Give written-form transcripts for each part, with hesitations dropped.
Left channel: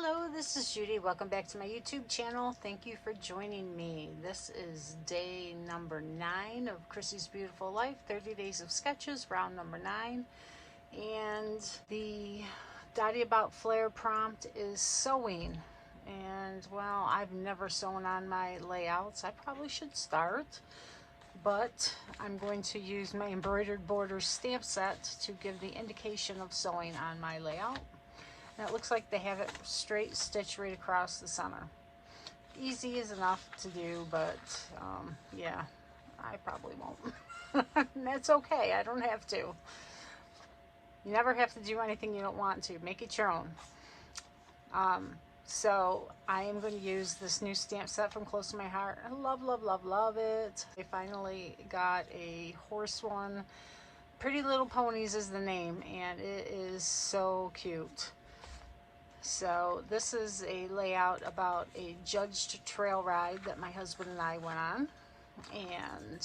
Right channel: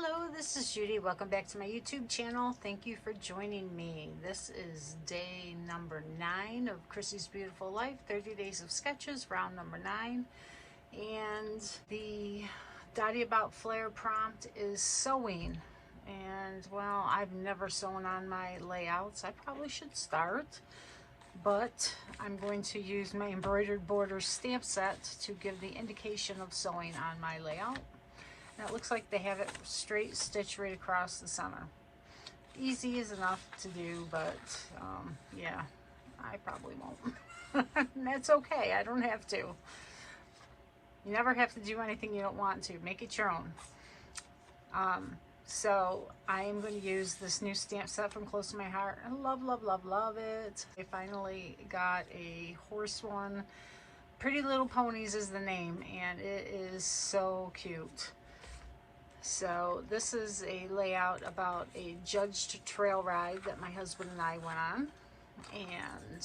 Hello, this is Judy. Welcome back to my YouTube channel. Thank you for joining me. This is day number 9 of Chrissy's Beautiful Life, 30 Days of Sketches, round number 9. And the Dotty About Flair prompt is sewing. And, well, I've never sewn on my layouts. I probably should start. But I'm going to use my embroidered border stamp set to give the indication of sewing on my layout. And it looks like they have it straight stitched right across the center. Easy is enough to do, but yeah, I probably won't. That's okay, I don't have to. You never have to do anything you don't want to. Make it your own. So I am going to use this new stamp set from Close to My Heart. I love, love, love, love it. I finally got a horse one. Pretty Little Ponies is the name, and it is so cute. So this is a layout about a judged trail ride that my husband and I went on. And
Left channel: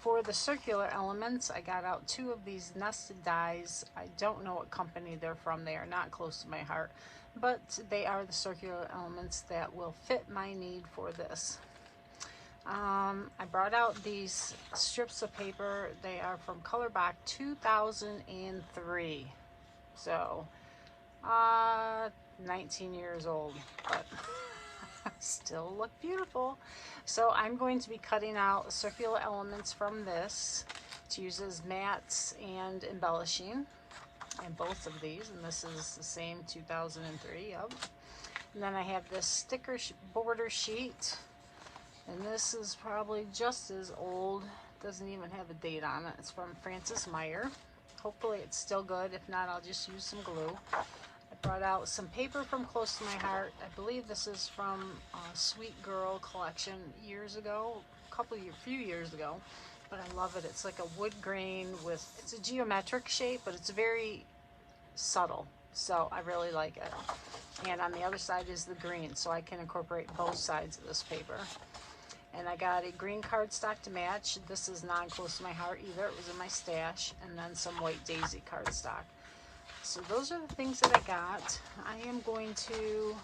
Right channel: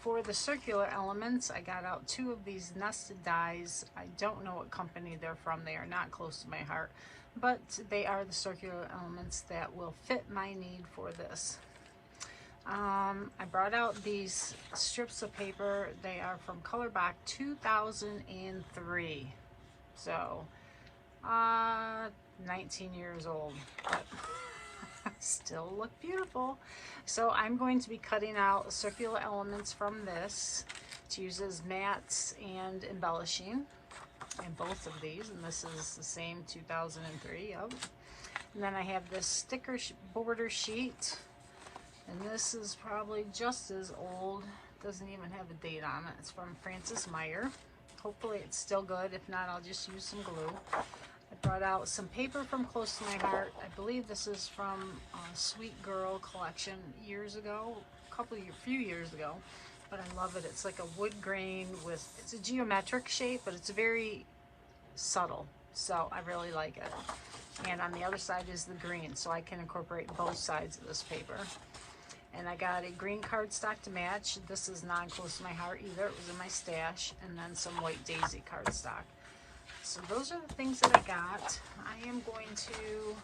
for the circular elements, I got out 2 of these nested dies. I don't know what company they're from. They are not Close to My Heart, but they are the circular elements that will fit my need for this. I brought out these strips of paper. They are from Color Box 2003. So 19 years old, but still look beautiful. So I'm going to be cutting out circular elements from this to use as mats and embellishing in both of these, and this is the same 2003. Yep. And then I have this sticker border sheet, and this is probably just as old. Doesn't even have a date on it. It's from Francis Meyer. Hopefully it's still good. If not, I'll just use some glue. I brought out some paper from Close to My Heart. I believe this is from Sweet Girl collection years ago, few years ago, but I love it. It's like a wood grain with, it's a geometric shape, but it's very subtle, so I really like it. And on the other side is the green, so I can incorporate both sides of this paper. And I got a green cardstock to match. This is not Close to My Heart either. It was in my stash. And then some white daisy cardstock. So those are the things that I got. I am going to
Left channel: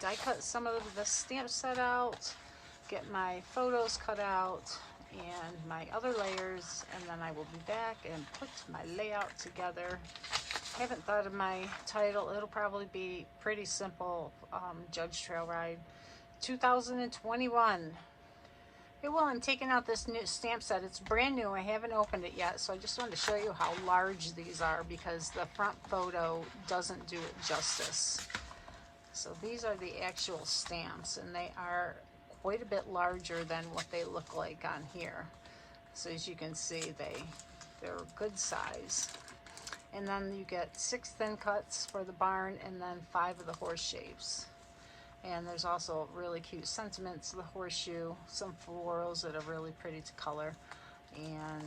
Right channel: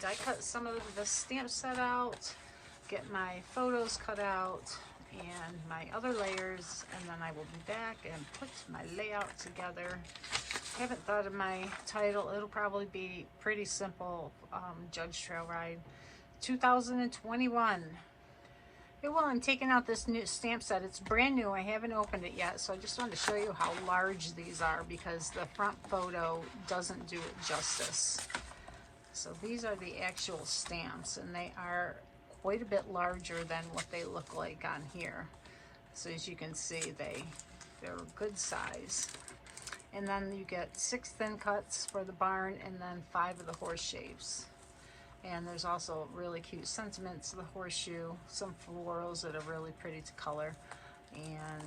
die cut some of the stamp set out, get my photos cut out, and my other layers, and then I will be back and put my layout together. I haven't thought of my title. It'll probably be pretty simple. Judge Trail Ride 2021. Well, I'm taking out this new stamp set. It's brand new. I haven't opened it yet, so I just wanted to show you how large these are because the front photo doesn't do it justice. So these are the actual stamps, and they are quite a bit larger than what they look like on here. So as you can see, they're a good size. And then you get 6 thin cuts for the barn, and then 5 of the horse shapes. And there's also really cute sentiments, the horseshoe, some florals that are really pretty to color. And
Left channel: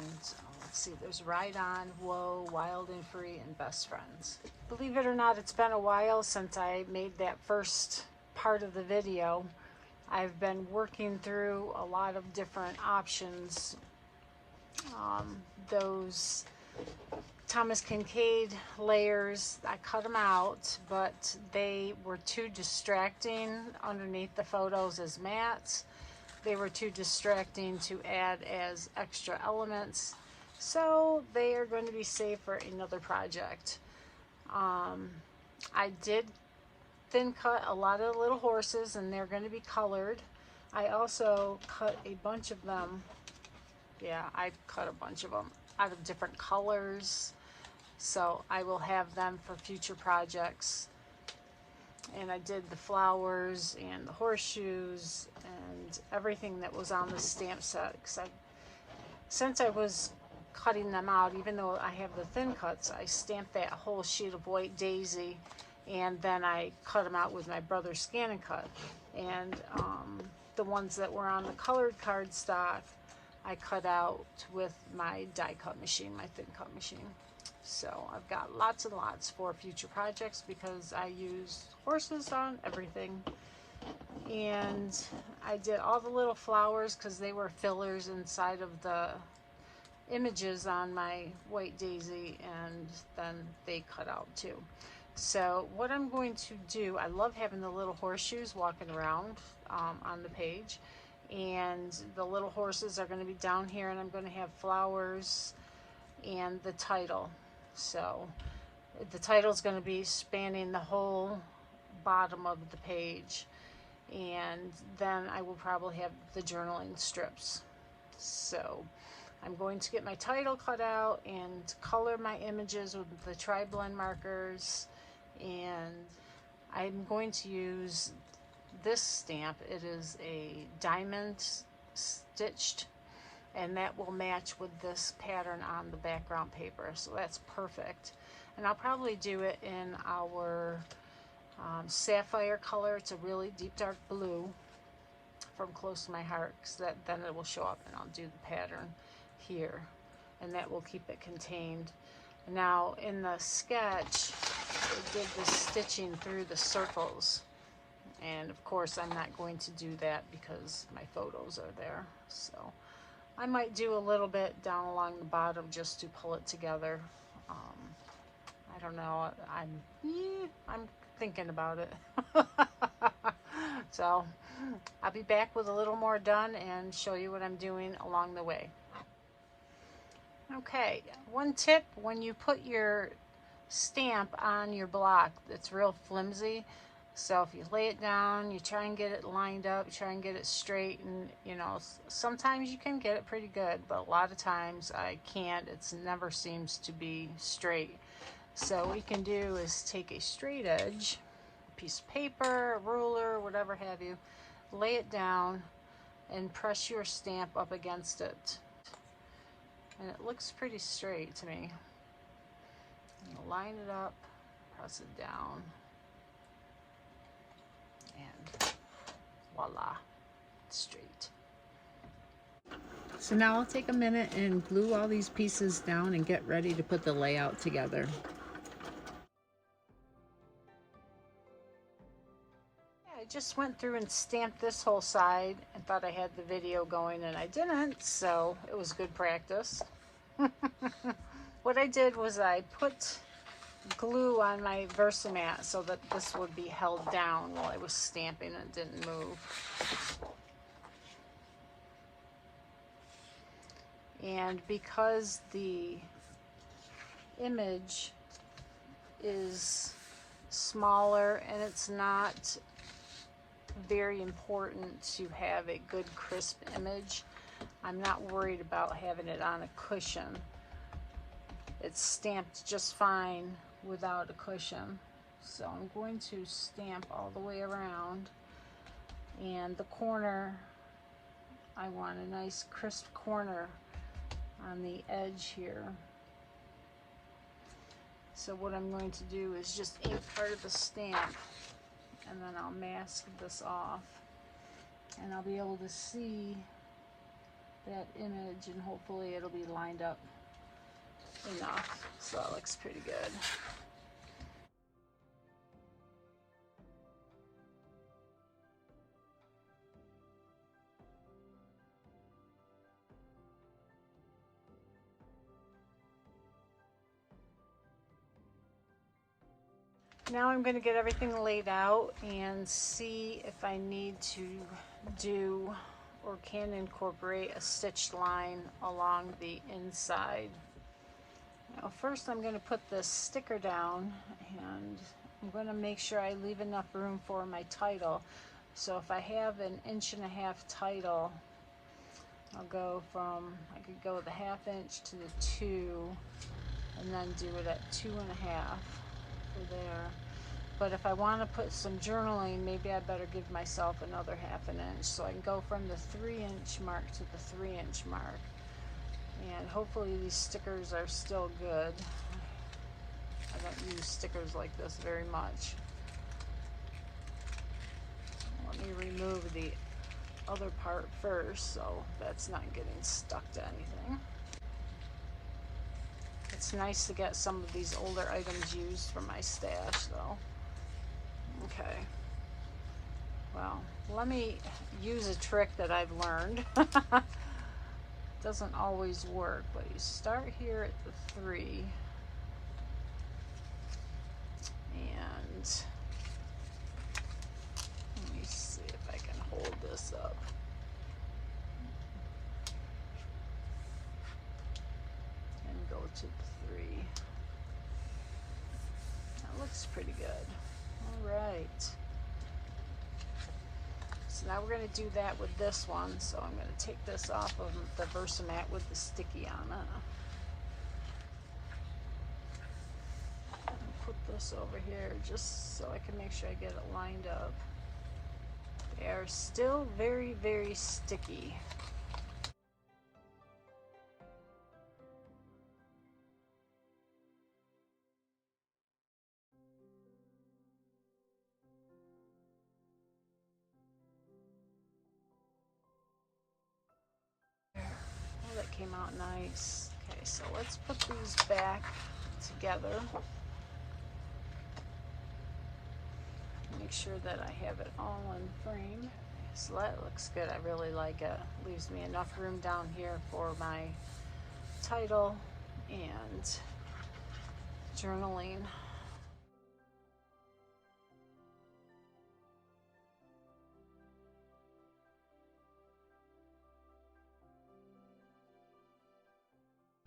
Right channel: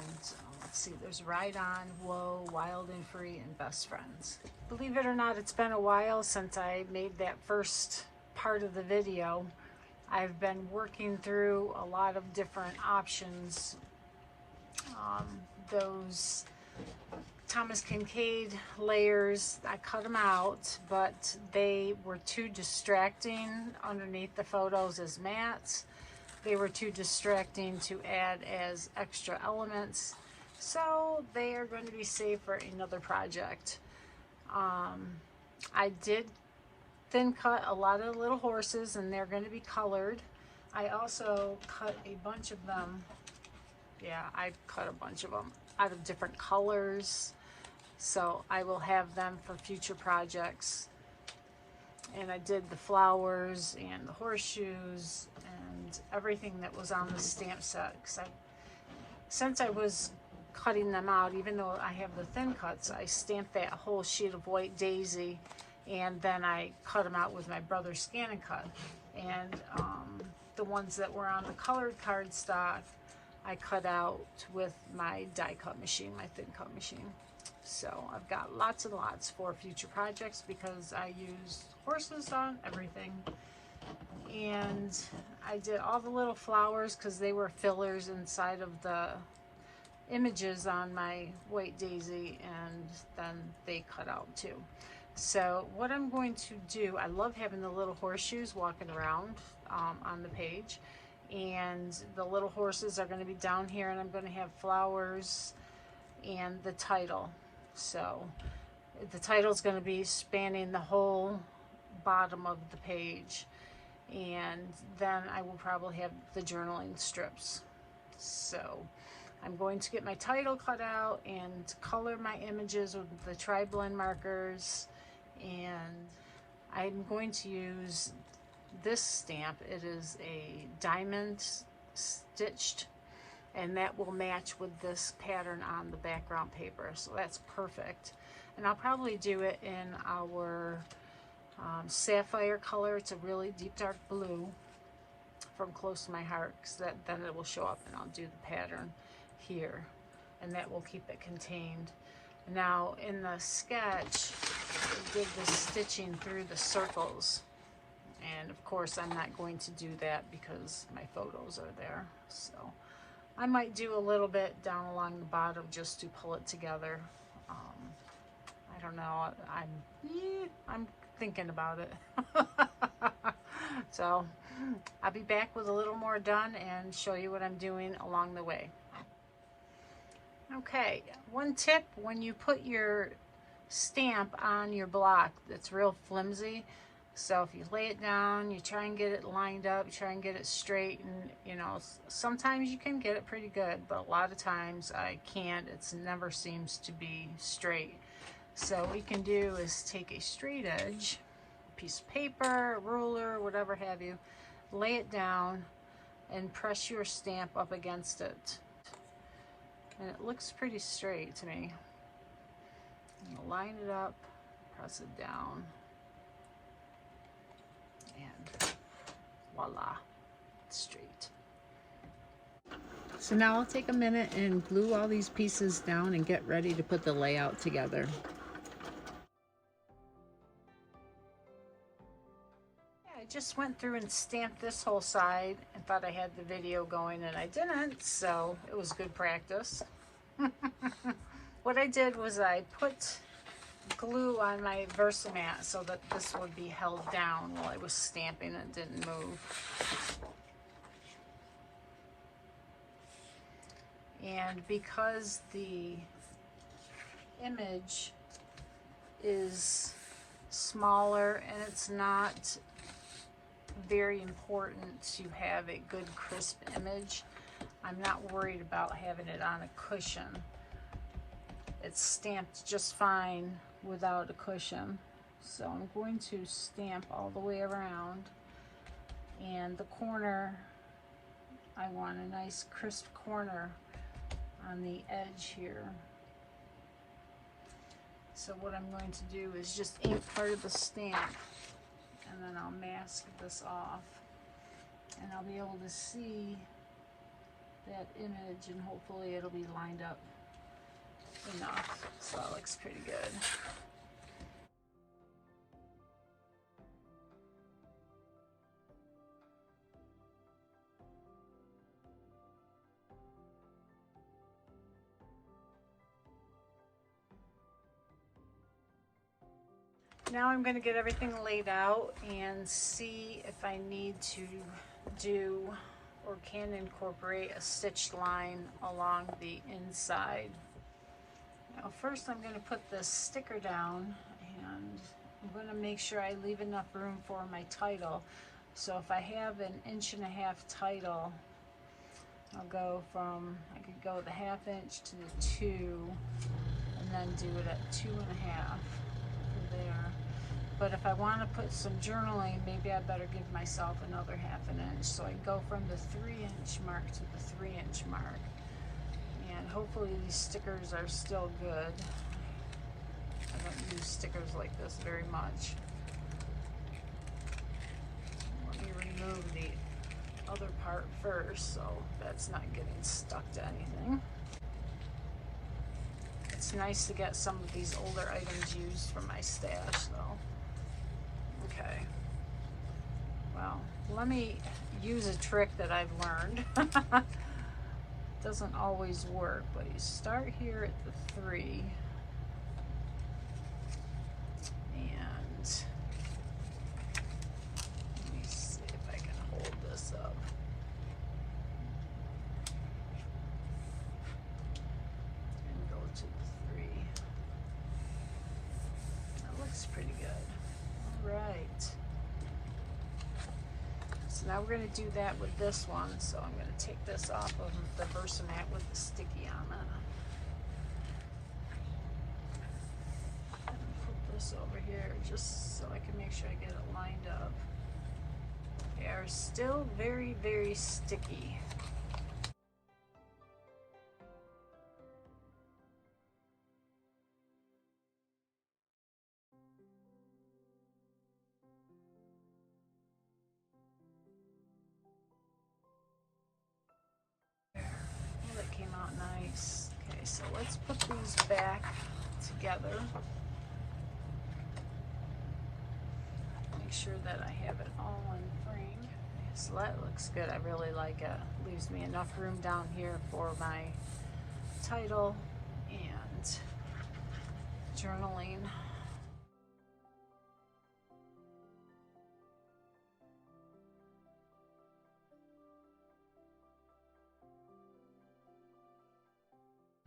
let's see, there's Ride On, Whoa, Wild and Free, and Best Friends. Believe it or not, it's been a while since I made that first part of the video. I've been working through a lot of different options. Those Thomas Kincaid layers, I cut them out, but they were too distracting underneath the photos as mats. They were too distracting to add as extra elements, so they are going to be saved for another project. I did thin cut a lot of the little horses, and they're going to be colored. I also cut a bunch of them. Yeah, I cut a bunch of them out of different colors. So I will have them for future projects. And I did the flowers and the horseshoes and everything that was on the stamp set. Since I was cutting them out, even though I have the thin cuts, I stamped that whole sheet of white daisy, and then I cut them out with my brother's scan and cut. And the ones that were on the colored cardstock, I cut out with my die cut machine, my thin cut machine. So I've got lots and lots for future projects because I use horses on everything. And I did all the little flowers because they were fillers inside of the images on my white daisy, and then they cut out too. So what I'm going to do, I love having the little horseshoes walking around on the page, and the little horses are going to be down here, and I'm going to have flowers and the title. So the title is going to be spanning the whole bottom of the page, and then I will probably have the journaling strips. So I'm going to get my title cut out and color my images with the tri-blend markers, and I'm going to use this stamp. It is a diamond stitched, and that will match with this pattern on the background paper, so that's perfect. And I'll probably do it in our sapphire color. It's a really deep dark blue from Close to My Heart, because then it will show up, and I'll do the pattern here, and that will keep it contained. Now in the sketch, I did the stitching through the circles, and of course I'm not going to do that because my photos are there. So I might do a little bit down along the bottom just to pull it together. I don't know, I'm thinking about it. So I'll be back with a little more done and show you what I'm doing along the way. Okay, one tip: when you put your stamp on your block that's real flimsy, so if you lay it down, you try and get it lined up, you try and get it straight, and you know, sometimes you can get it pretty good, but a lot of times I can't. It never seems to be straight. So what you can do is take a straight edge, a piece of paper, a ruler, whatever have you, lay it down and press your stamp up against it. And it looks pretty straight to me. And line it up, press it down, and voila, it's straight. So now I'll take a minute and glue all these pieces down and get ready to put the layout together. I just went through and stamped this whole side and thought I had the video going, and I didn't, so it was good practice. What I did was I put glue on my Versamat so that this would be held down while I was stamping and it didn't move. And because the image is smaller and it's not very important to have a good crisp image, I'm not worried about having it on a cushion. It's stamped just fine without a cushion. So I'm going to stamp all the way around, and the corner, I want a nice crisp corner on the edge here. So what I'm going to do is just ink part of the stamp, and then I'll mask this off, and I'll be able to see that image, and hopefully it'll be lined up enough. So it looks pretty good. Now I'm going to get everything laid out and see if I need to do or can incorporate a stitched line along the inside. Now first I'm going to put this sticker down, and I'm going to make sure I leave enough room for my title. So if I have 1.5 inches title, I'll go from, I could go the 1/2 inch to the 2, and then do it at 2.5 for there. But if I want to put some journaling, maybe I better give myself another 1/2 inch, so I can go from the 3-inch mark to the 3-inch mark. And hopefully these stickers are still good. I don't use stickers like this very much. Let me remove the other part first, so that's not getting stuck to anything. It's nice to get some of these older items used from my stash though. Okay, well, let me use a trick that I've learned. Doesn't always work, but you start here at the 3, looks pretty good. All right. So now we're going to do that with this one. So I'm going to take this off of the Versamat with the sticky on it. Put this over here just so I can make sure I get it lined up. They are still very, very sticky. Oh, that came out nice. Okay, so let's put these back together. Make sure that I have it all in frame. So that looks good. I really like it. Leaves me enough room down here for my title and journaling.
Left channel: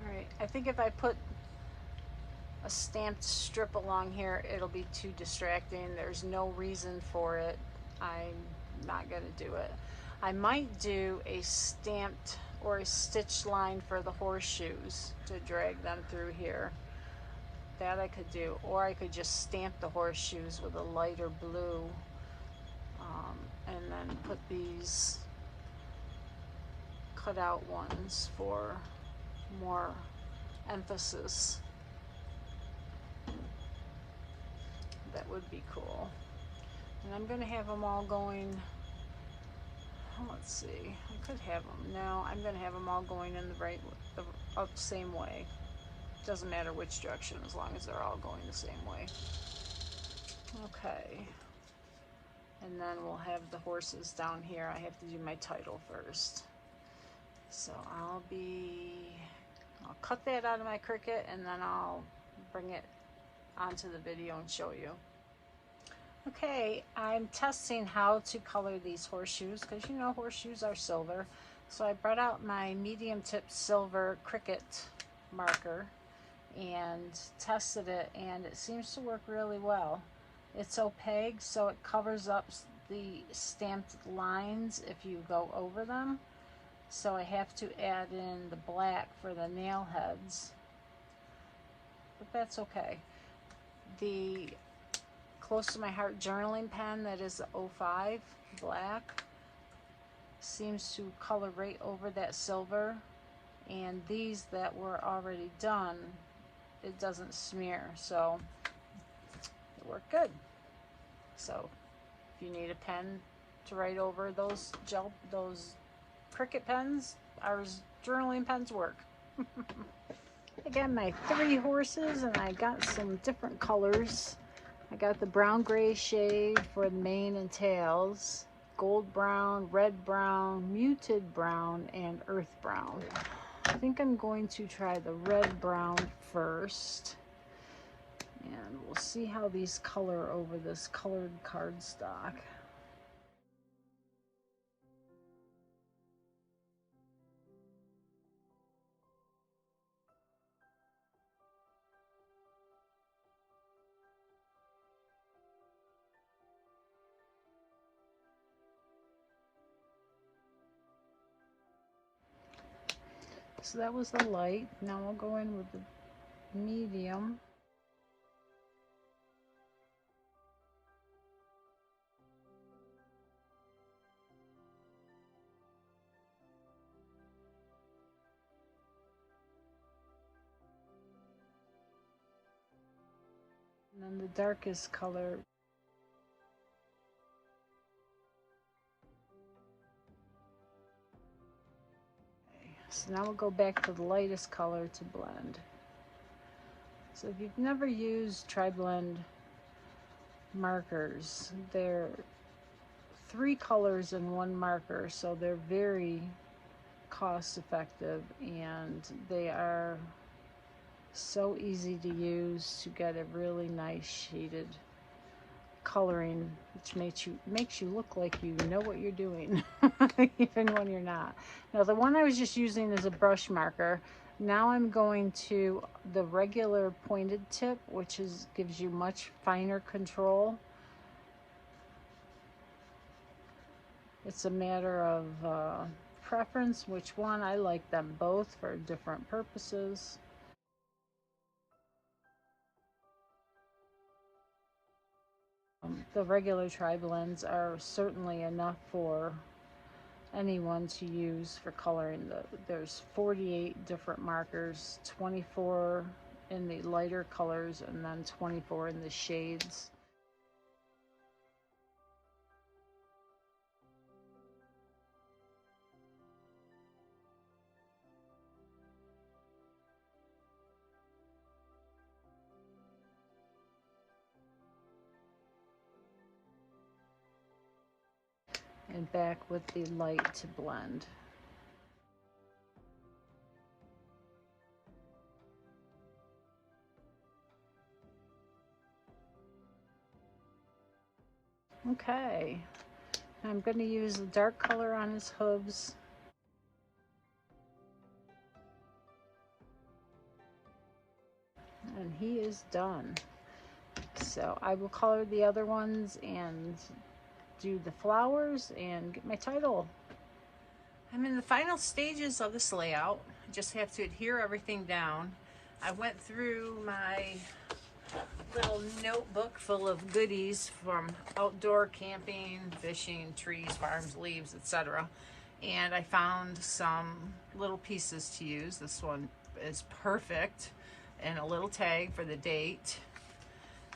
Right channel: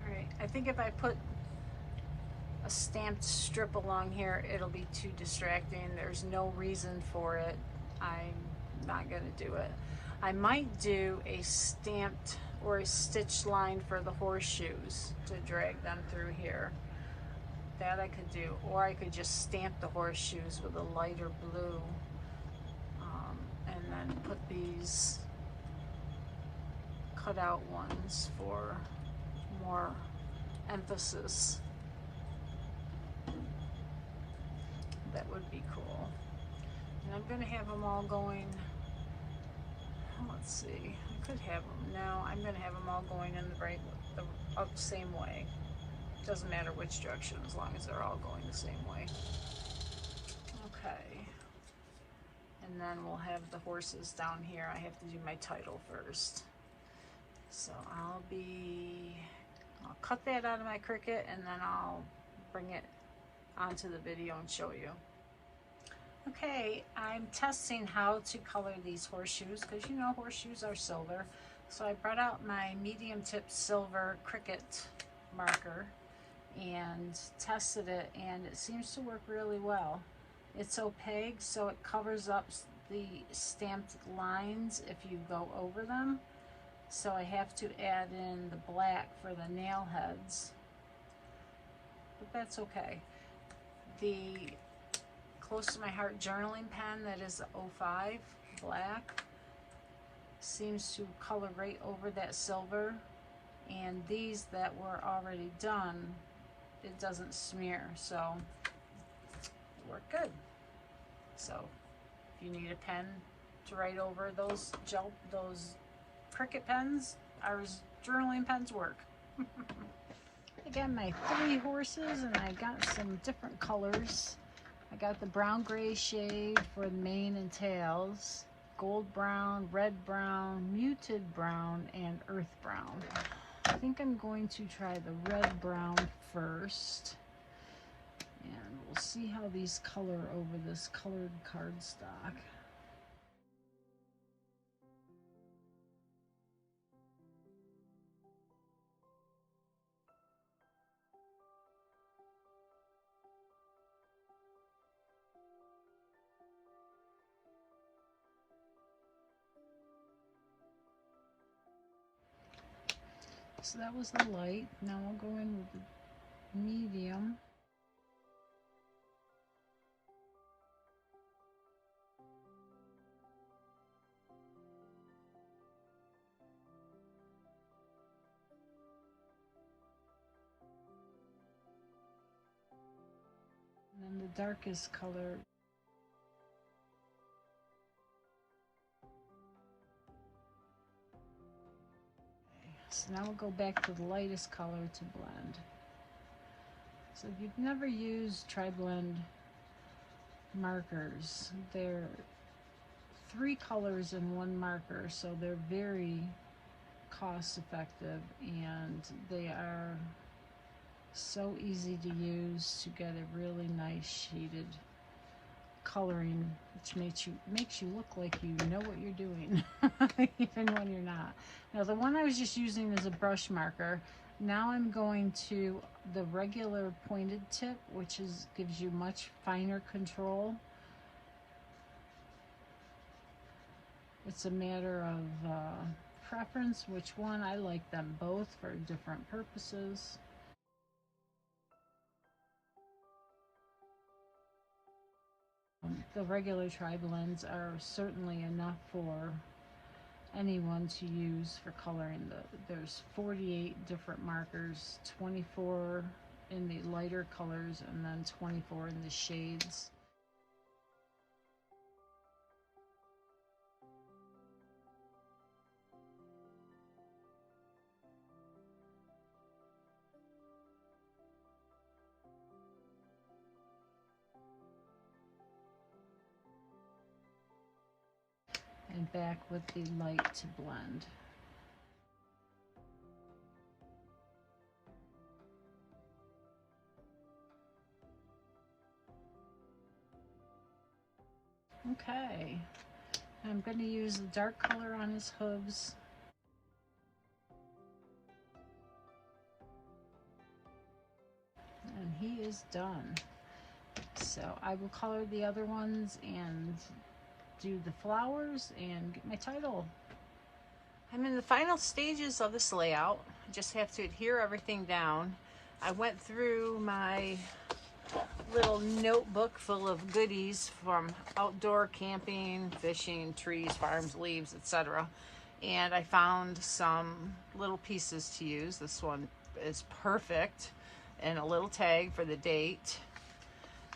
Alright, I think if I put a stamped strip along here, it'll be too distracting. There's no reason for it. I'm not going to do it. I might do a stamped or a stitched line for the horseshoes to drag them through here. That I could do. Or I could just stamp the horseshoes with a lighter blue and then put these cut out ones for more emphasis. That would be cool. And I'm going to have them all going, let's see, I could have them, no, I'm going to have them all going in the right, the same way. Doesn't matter which direction as long as they're all going the same way. Okay. And then we'll have the horses down here. I have to do my title first. So I'll cut that out of my Cricut and then I'll bring it onto the video and show you. Okay, I'm testing how to color these horseshoes because you know horseshoes are silver. So I brought out my medium tip silver Cricut marker and tested it, and it seems to work really well. It's opaque, so it covers up the stamped lines if you go over them. So I have to add in the black for the nail heads, but that's okay. The Close to My Heart journaling pen, that is the 05 black, seems to color right over that silver, and these that were already done, it doesn't smear, so it worked good. So if you need a pen to write over those Cricut pens, our journaling pens work. I got my 3 horses and I got some different colors. I got the brown gray shade for the mane and tails, gold brown, red brown, muted brown, and earth brown. I think I'm going to try the red brown first, and we'll see how these color over this colored cardstock. So that was the light. Now we'll go in with the medium. And then the darkest color. So now we'll go back to the lightest color to blend. So if you've never used Tri-Blend markers, they're 3 colors in 1 marker, so they're very cost effective and they are so easy to use to get a really nice shaded coloring, which makes you look like you know what you're doing even when you're not. Now the one I was just using is a brush marker. Now I'm going to the regular pointed tip, which gives you much finer control. It's a matter of preference which one. I like them both for different purposes. The regular tri-blends are certainly enough for anyone to use for coloring. There's 48 different markers, 24 in the lighter colors and then 24 in the shades. And back with the light to blend. Okay, I'm going to use the dark color on his hooves. And he is done. So I will color the other ones and do the flowers and get my title. I'm in the final stages of this layout. I just have to adhere everything down. I went through my little notebook full of goodies from outdoor camping, fishing, trees, farms, leaves, etc. And I found some little pieces to use. This one is perfect, and a little tag for the date.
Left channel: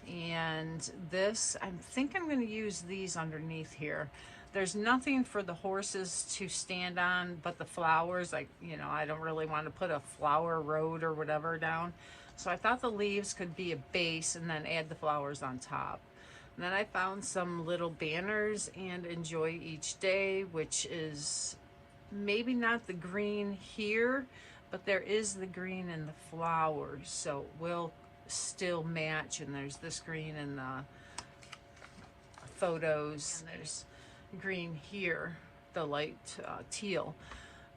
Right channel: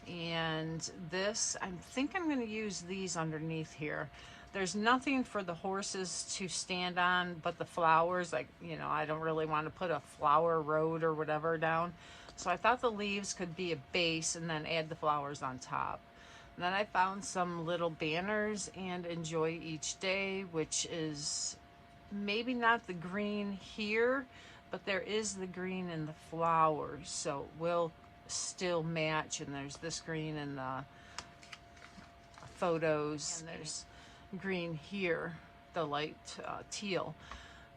And this, I think I'm going to use these underneath here. There's nothing for the horses to stand on but the flowers. Like, you know, I don't really want to put a flower road or whatever down. So I thought the leaves could be a base and then add the flowers on top. And then I found some little banners and Enjoy Each Day, which is maybe not the green here, but there is the green in the flowers. So we'll still match, and there's this green in the photos, and there's green here, the light teal.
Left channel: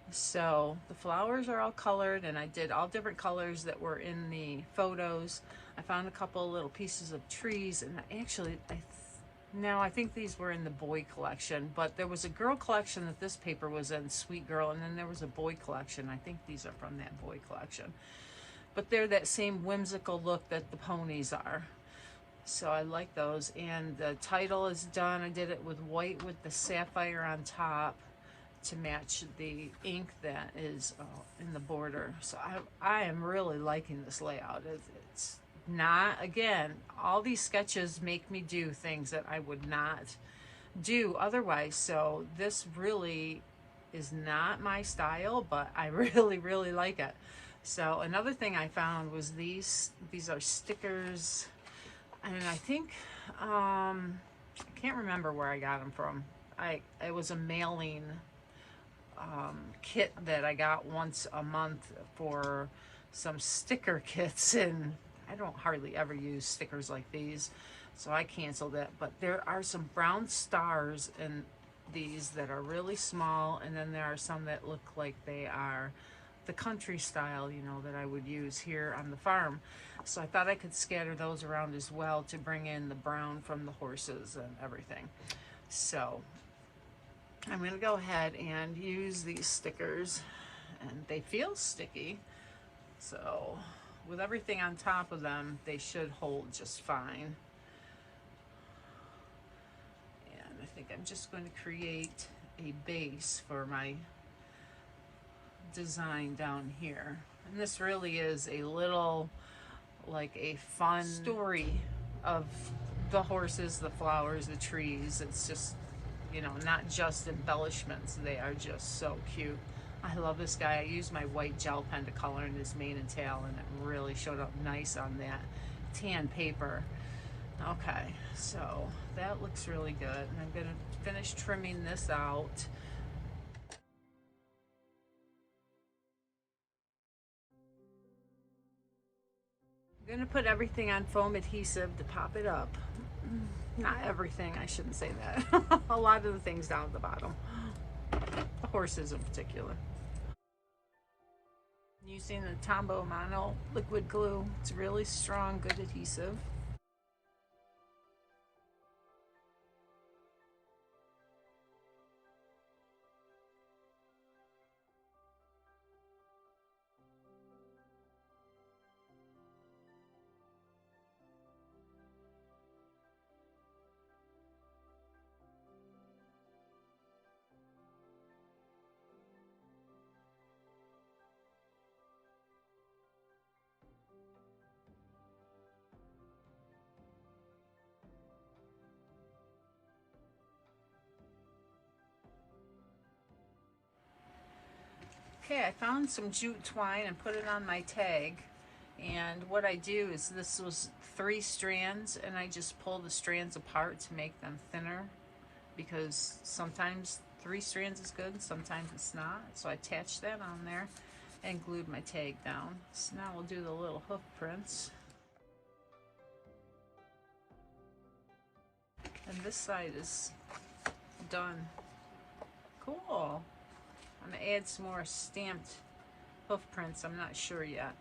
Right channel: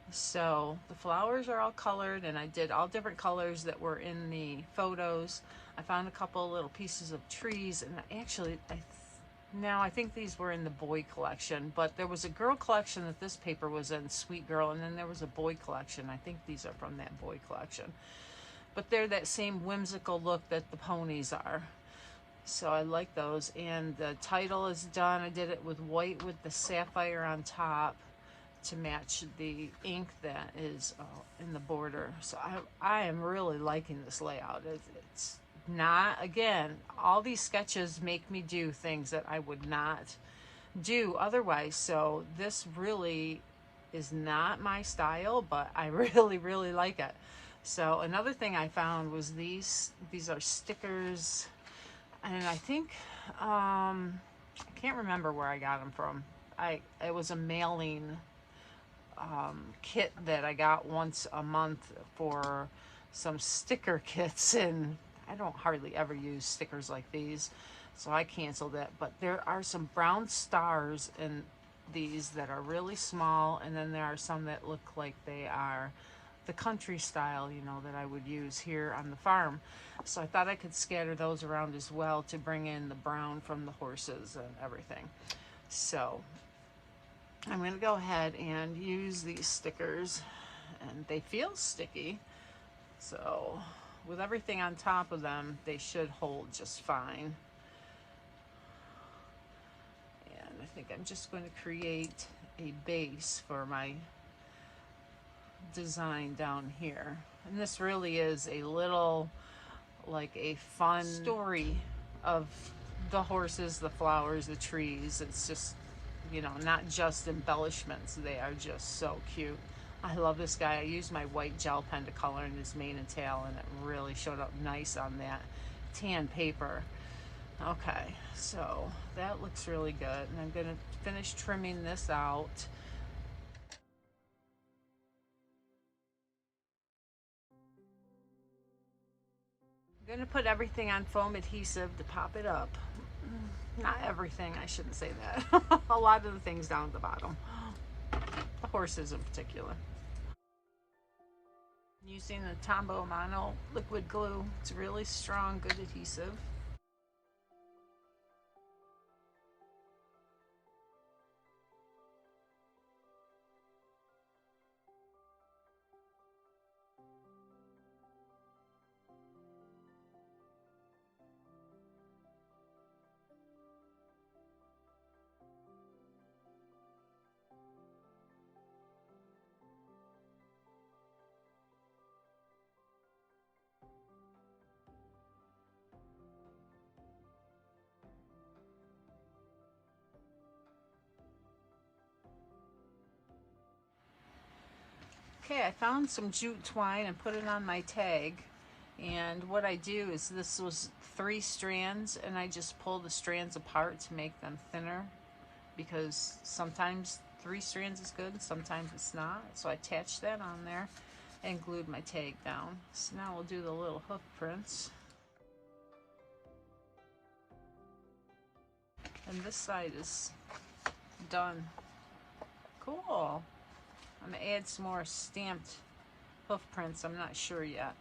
So the flowers are all colored, and I did all different colors that were in the photos. I found a couple little pieces of trees, and actually I think these were in the boy collection, but there was a girl collection that this paper was in, Sweet Girl, and then there was a boy collection. I think these are from that boy collection. But they're that same whimsical look that the ponies are. So I like those. And the title is done. I did it with white with the sapphire on top to match the ink that is in the border. So I am really liking this layout. It's not, again, all these sketches make me do things that I would not do otherwise. So this really is not my style, but I really, really like it. So another thing I found was these are stickers, and I think I can't remember where I got them from. It was a mailing kit that I got once a month for some sticker kits, and I don't hardly ever use stickers like these, so I canceled it. But there are some brown stars in these that are really small, and then there are some that look like they are the country style, you know, that I would use here on the farm. So I thought I could scatter those around as well to bring in the brown from the horses and everything. So I'm going to go ahead and use these stickers, and they feel sticky. So with everything on top of them, they should hold just fine. And I think I'm just going to create a base for my design down here. And this really is a little, like a fun story of the horses, the flowers, the trees. It's just, you know, not just embellishments. They are just so cute. I love this guy. I used my white gel pen to color in his mane and tail, and it really showed up nice on that tan paper. Okay, so that looks really good. And I'm gonna finish trimming this out. I'm going to put everything on foam adhesive to pop it up. Not everything, I shouldn't say that. A lot of the things down at the bottom. The horses in particular. Using the Tombow Mono liquid glue. It's really strong, good adhesive. Okay, I found some jute twine and put it on my tag. And what I do is, this was 3 strands, and I just pull the strands apart to make them thinner, because sometimes 3 strands is good, sometimes it's not. So I attached that on there and glued my tag down. So now we'll do the little hoof prints. And this side is done. Cool. I'm gonna add some more stamped hoof prints. I'm not sure yet.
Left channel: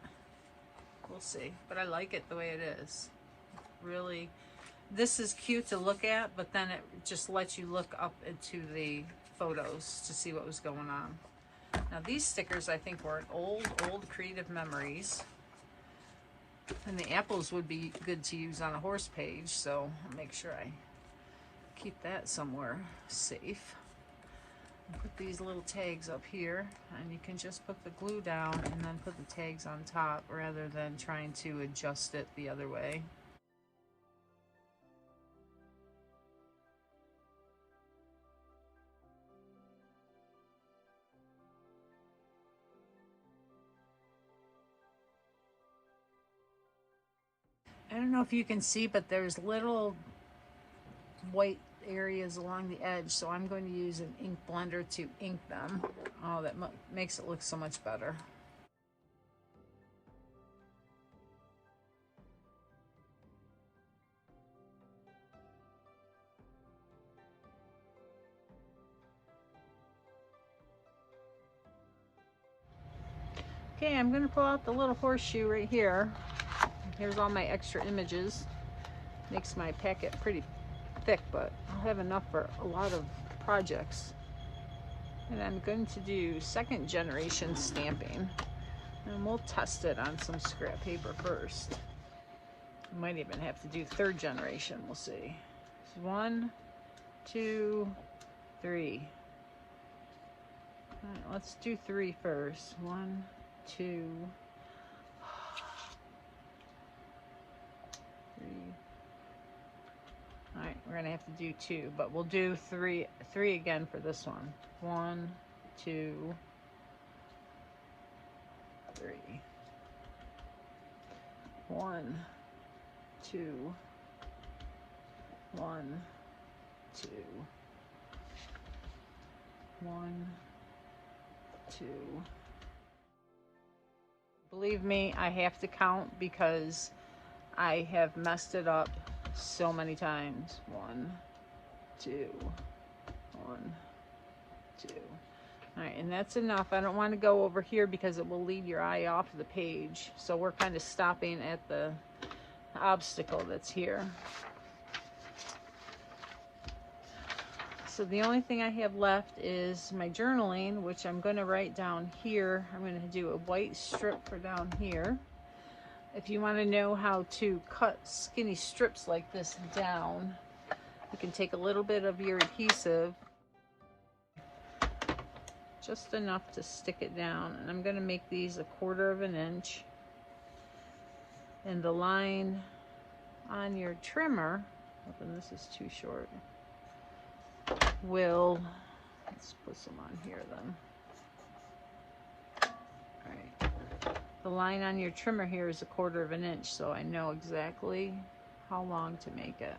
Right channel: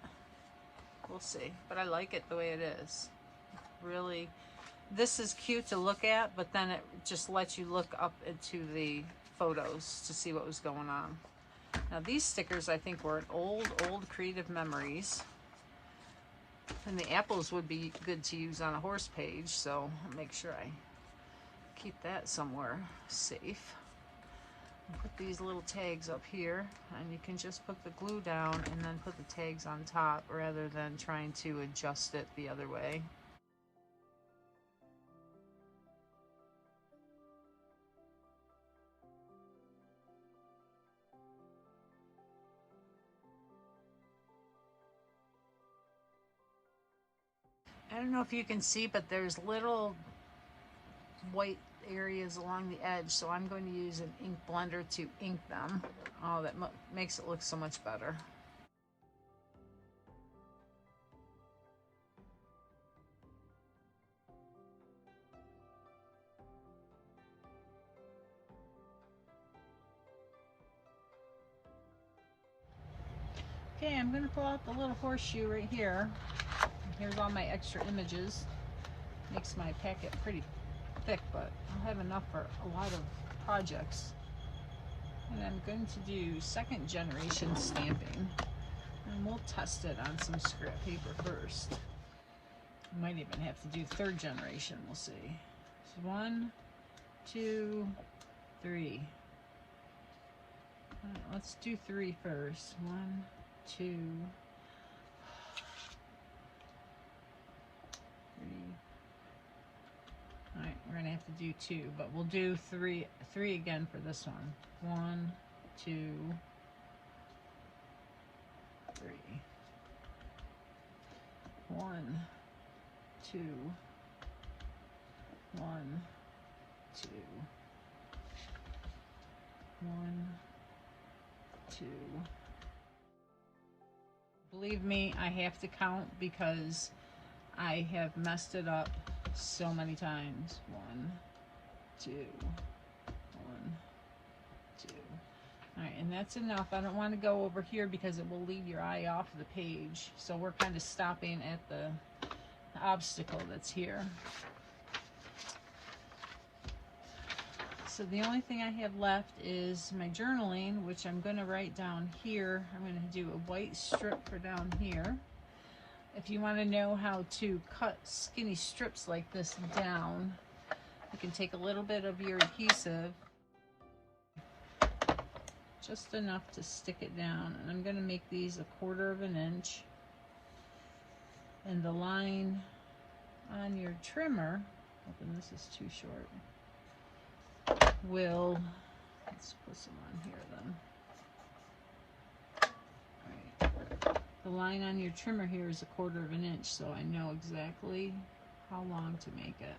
We'll see. But I like it the way it is. Really, this is cute to look at, but then it just lets you look up into the photos to see what was going on. Now these stickers, I think, were old Creative Memories. And the apples would be good to use on a horse page, so I'll make sure I keep that somewhere safe. Put these little tags up here, and you can just put the glue down and then put the tags on top rather than trying to adjust it the other way. I don't know if you can see, but there's little white areas along the edge, so I'm going to use an ink blender to ink them. Oh, that makes it look so much better. Okay, I'm going to pull out the little horseshoe right here. Here's all my extra images. Makes my packet pretty thick, but I'll have enough for a lot of projects. And I'm going to do 2nd generation stamping, and we'll test it on some scrap paper first. Might even have to do 3rd generation. We'll see. 1, 2, 3. Let's do 3 first. 1, 2, 3. Alright, we're gonna have to do 2, but we'll do 3 again for this one. 1, 2, 3. 1, 2, 1, 2, 1, 2. Believe me, I have to count because I have messed it up so many times. 1, 2, 1, 2. All right, and that's enough. I don't want to go over here because it will lead your eye off the page. So we're kind of stopping at the obstacle that's here. So the only thing I have left is my journaling, which I'm going to write down here. I'm going to do a white strip for down here. If you want to know how to cut skinny strips like this down, you can take a little bit of your adhesive, just enough to stick it down. And I'm going to make these 1/4 inch. And the line on your trimmer, hoping this is too short, will, let's put some on here then. All right. The line on your trimmer here is 1/4 inch, so I know exactly how long to make it.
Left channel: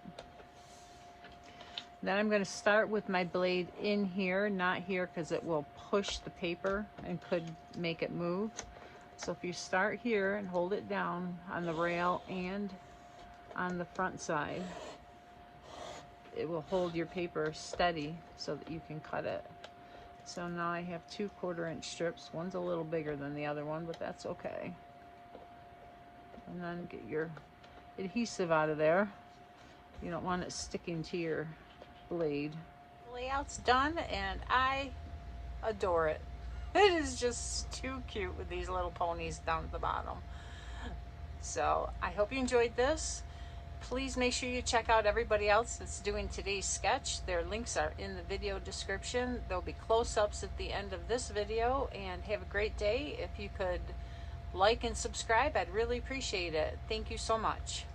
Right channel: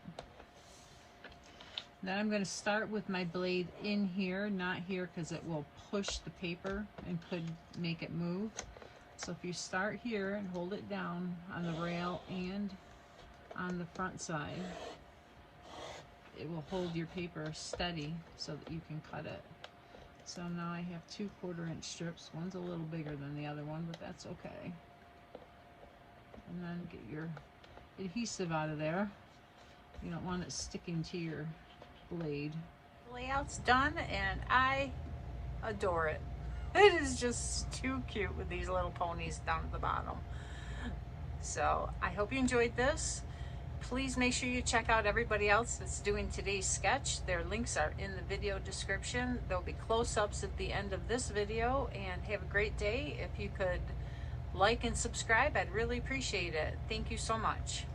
Then I'm going to start with my blade in here, not here, because it will push the paper and could make it move. So if you start here and hold it down on the rail and on the front side, it will hold your paper steady so that you can cut it. So now I have 2 1/4-inch strips. One's a little bigger than the other one, but that's okay. And then get your adhesive out of there. You don't want it sticking to your blade. The layout's done and I adore it. It is just too cute with these little ponies down at the bottom. So I hope you enjoyed this. Please make sure you check out everybody else that's doing today's sketch. Their links are in the video description. There'll be close-ups at the end of this video, and have a great day. If you could like and subscribe, I'd really appreciate it. Thank you so much.